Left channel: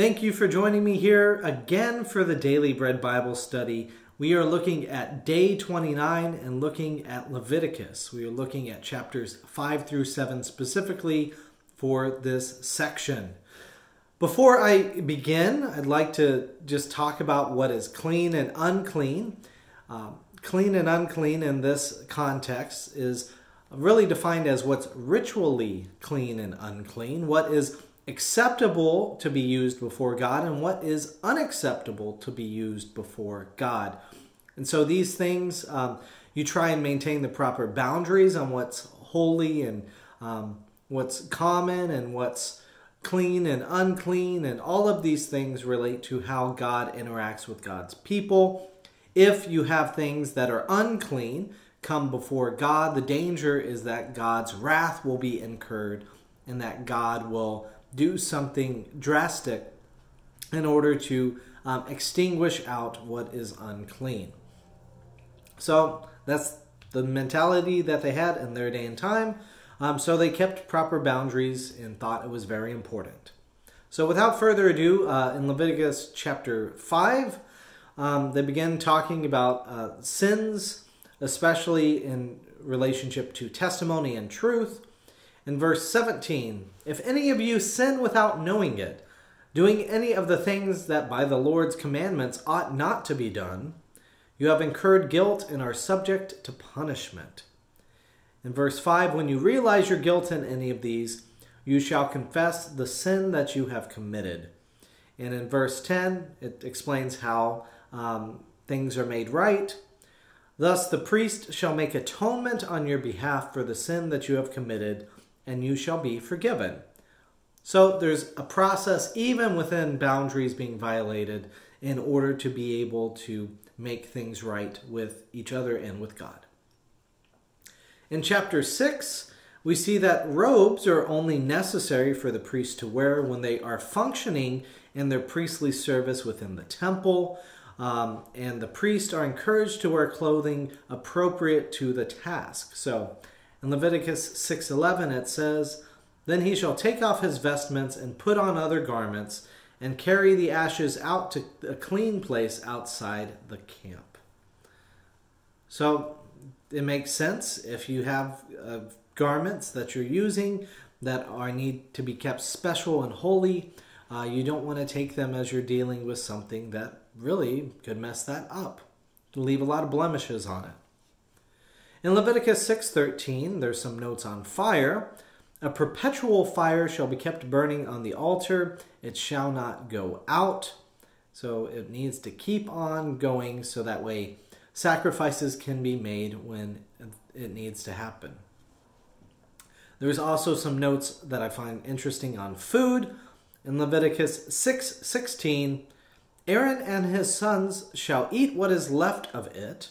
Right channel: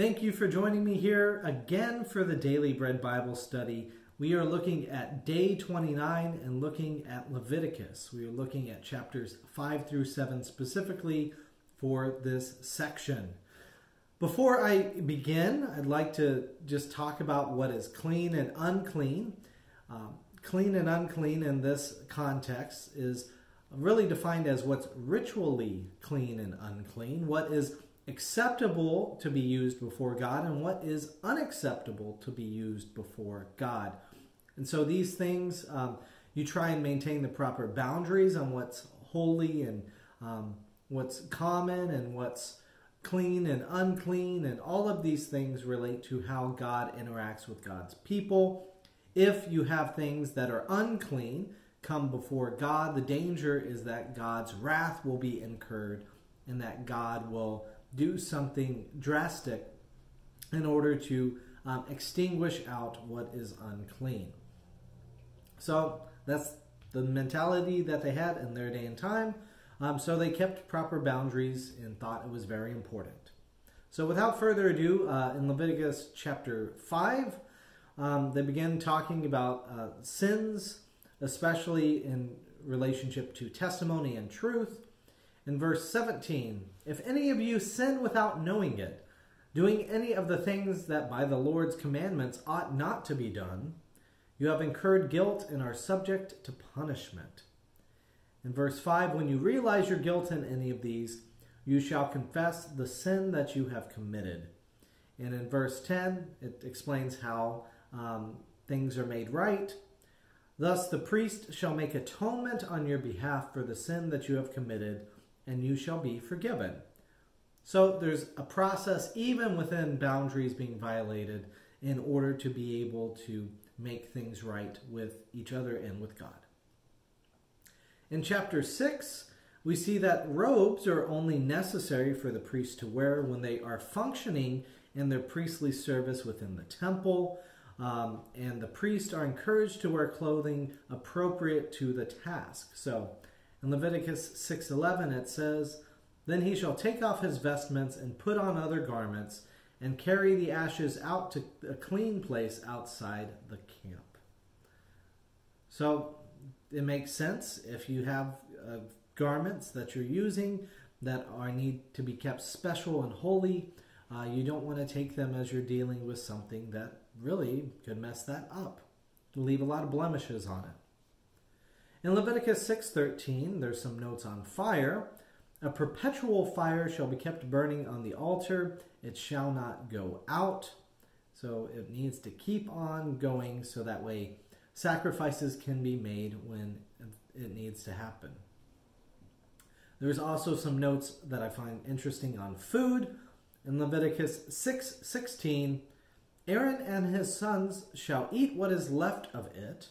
Thank you for joining me here again for the Daily Bread Bible Study. We are looking at day 29 and looking at Leviticus. We are looking at chapters 5 through 7 specifically for this section. Before I begin, I'd like to just talk about what is clean and unclean. Clean and unclean in this context is really defined as what's ritually clean and unclean, what is acceptable to be used before God, and what is unacceptable to be used before God. And so these things, you try and maintain the proper boundaries on what's holy and what's common and what's clean and unclean, and all of these things relate to how God interacts with God's people. If you have things that are unclean come before God, the danger is that God's wrath will be incurred and that God will do something drastic in order to extinguish out what is unclean. So that's the mentality that they had in their day and time. So they kept proper boundaries and thought it was very important. So without further ado, in Leviticus chapter 5, they begin talking about sins, especially in relationship to testimony and truth. In verse 17, if any of you sin without knowing it, doing any of the things that by the Lord's commandments ought not to be done, you have incurred guilt and are subject to punishment. In verse 5, when you realize your guilt in any of these, you shall confess the sin that you have committed. And in verse 10, it explains how things are made right. Thus the priest shall make atonement on your behalf for the sin that you have committed, and you shall be forgiven. So there's a process even within boundaries being violated in order to be able to make things right with each other and with God. In chapter 6, we see that robes are only necessary for the priest to wear when they are functioning in their priestly service within the temple, and the priests are encouraged to wear clothing appropriate to the task. So in Leviticus 6:11 it says, then he shall take off his vestments and put on other garments and carry the ashes out to a clean place outside the camp. So it makes sense if you have garments that you're using that need to be kept special and holy. You don't want to take them as you're dealing with something that really could mess that up, leave a lot of blemishes on it. In Leviticus 6:13, there's some notes on fire. A perpetual fire shall be kept burning on the altar. It shall not go out. So it needs to keep on going so that way sacrifices can be made when it needs to happen. There's also some notes that I find interesting on food. In Leviticus 6:16, Aaron and his sons shall eat what is left of it.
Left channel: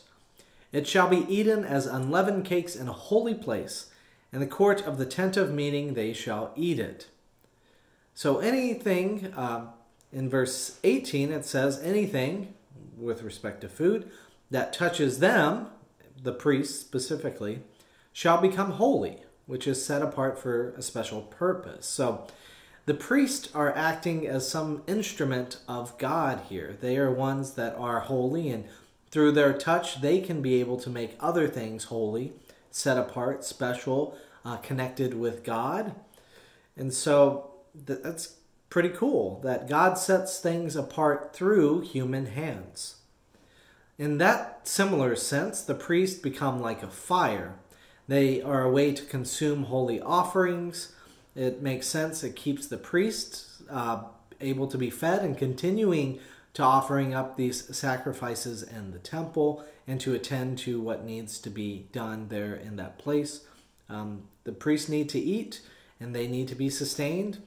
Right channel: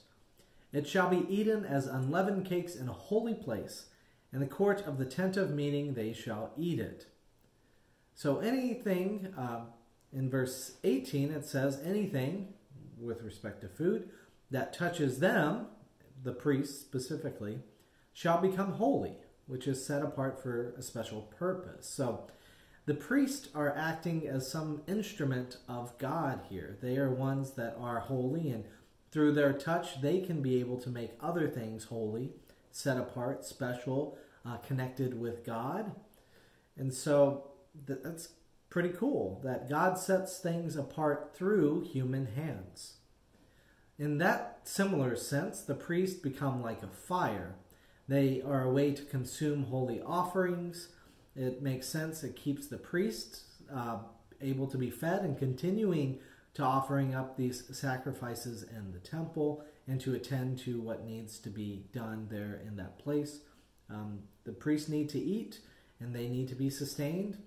It shall be eaten as unleavened cakes in a holy place. In the court of the tent of meeting they shall eat it. So anything, in verse 18 it says, anything with respect to food that touches them, the priests specifically, shall become holy, which is set apart for a special purpose. So the priests are acting as some instrument of God here. They are ones that are holy, and through their touch, they can be able to make other things holy, set apart, special, connected with God. And so that's pretty cool that God sets things apart through human hands. In that similar sense, the priests become like a fire. They are a way to consume holy offerings. It makes sense. It keeps the priests able to be fed and continuing to offering up these sacrifices in the temple and to attend to what needs to be done there in that place. The priests need to eat and they need to be sustained,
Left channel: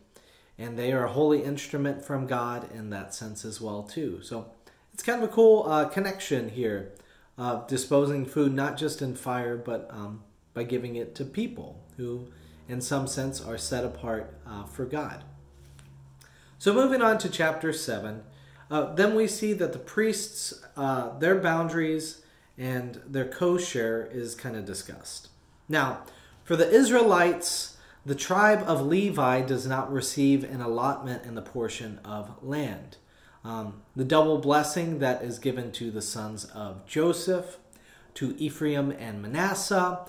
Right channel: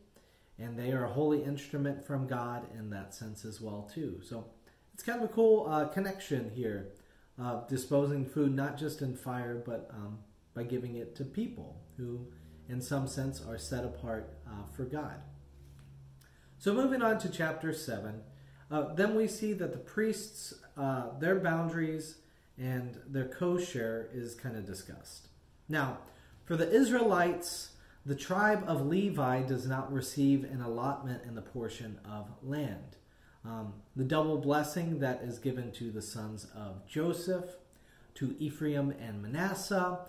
and they are a holy instrument from God in that sense as well too. So it's kind of a cool connection here, disposing food not just in fire but by giving it to people who in some sense are set apart for God. So moving on to chapter 7, then we see that the priests, their boundaries and their co-share is kind of discussed. Now, for the Israelites, the tribe of Levi does not receive an allotment in the portion of land. The double blessing that is given to the sons of Joseph, to Ephraim and Manasseh,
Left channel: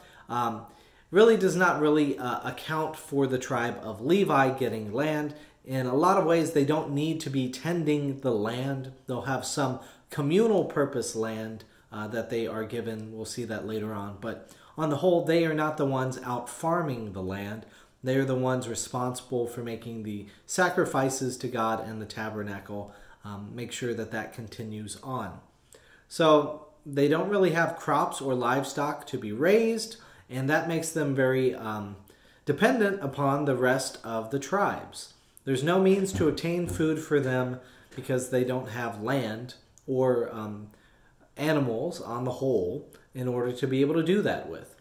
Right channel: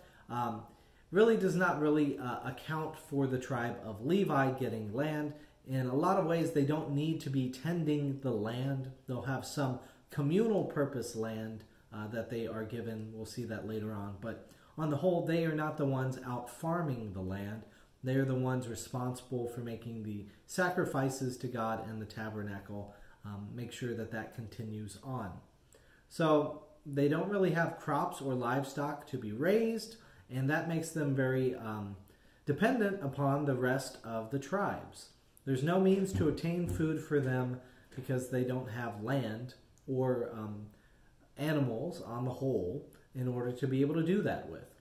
really does not really account for the tribe of Levi getting land. In a lot of ways, they don't need to be tending the land. They'll have some communal purpose land that they are given. We'll see that later on. But on the whole, they are not the ones out farming the land. They are the ones responsible for making the sacrifices to God and the tabernacle, make sure that that continues on. So they don't really have crops or livestock to be raised, and that makes them very dependent upon the rest of the tribes. There's no means to obtain food for them because they don't have land or animals on the whole in order to be able to do that with.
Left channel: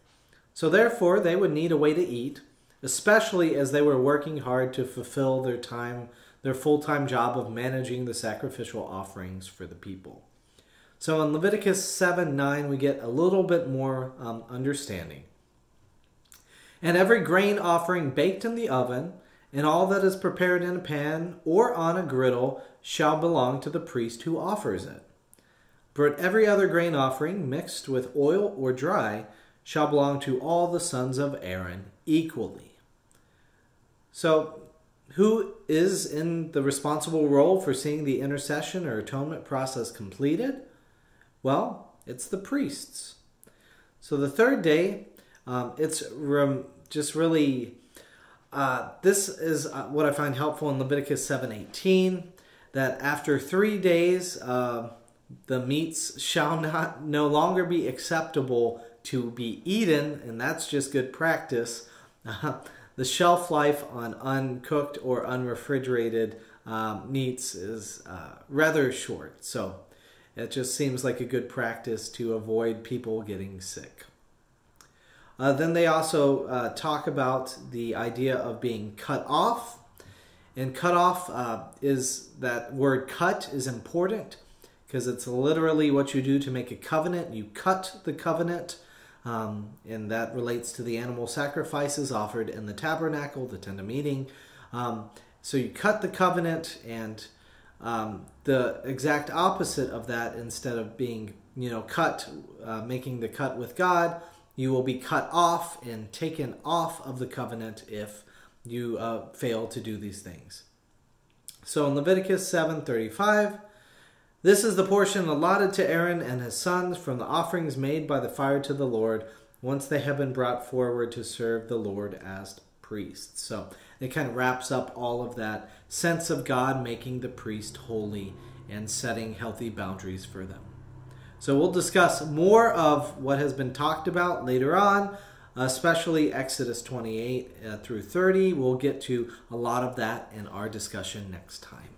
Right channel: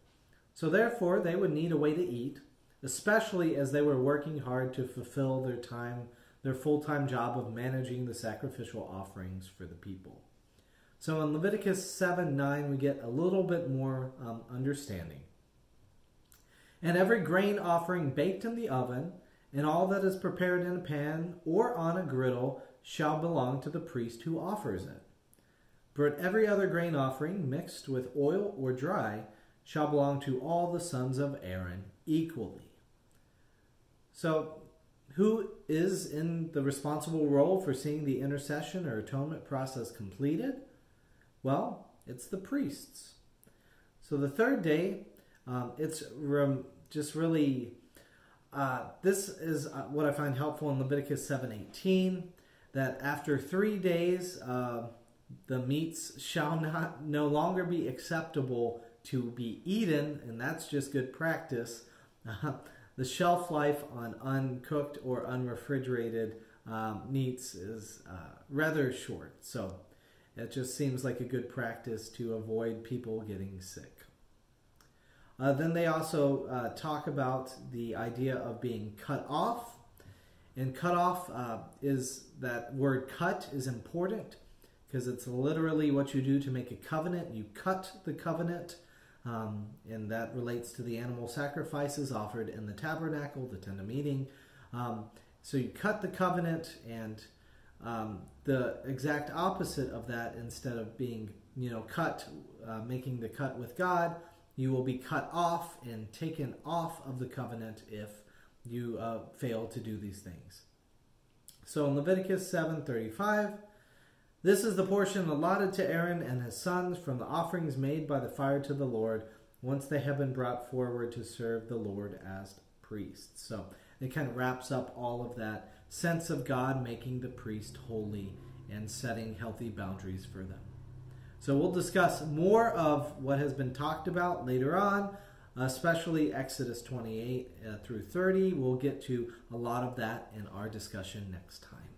So therefore, they would need a way to eat, especially as they were working hard to fulfill their full-time job of managing the sacrificial offerings for the people. So in Leviticus 7:9, we get a little bit more understanding. And every grain offering baked in the oven, and all that is prepared in a pan or on a griddle, shall belong to the priest who offers it. But every other grain offering, mixed with oil or dry, shall belong to all the sons of Aaron equally. So, who is in the responsible role for seeing the intercession or atonement process completed? Well, it's the priests. So the third day, this is what I find helpful in Leviticus 7:18, that after 3 days, the meats shall no longer be acceptable to be eaten, and that's just good practice. The shelf life on uncooked or unrefrigerated meats is rather short. So it just seems like a good practice to avoid people getting sick. Then they also talk about the idea of being cut off. And cut off is that word cut is important because it's literally what you do to make a covenant. You cut the covenant. And that relates to the animal sacrifices offered in the tabernacle, the tent of meeting. So you cut the covenant, and the exact opposite of that, instead of being, cut, making the cut with God, you will be cut off and taken off of the covenant if you fail to do these things. So in Leviticus 7:35, this is the portion allotted to Aaron and his sons from the offerings made by the fire to the Lord once they have been brought forward to serve the Lord as priests. So it kind of wraps up all of that sense of God making the priest holy and setting healthy boundaries for them. So we'll discuss more of what has been talked about later on, especially Exodus 28 through 30. We'll get to a lot of that in our discussion next time.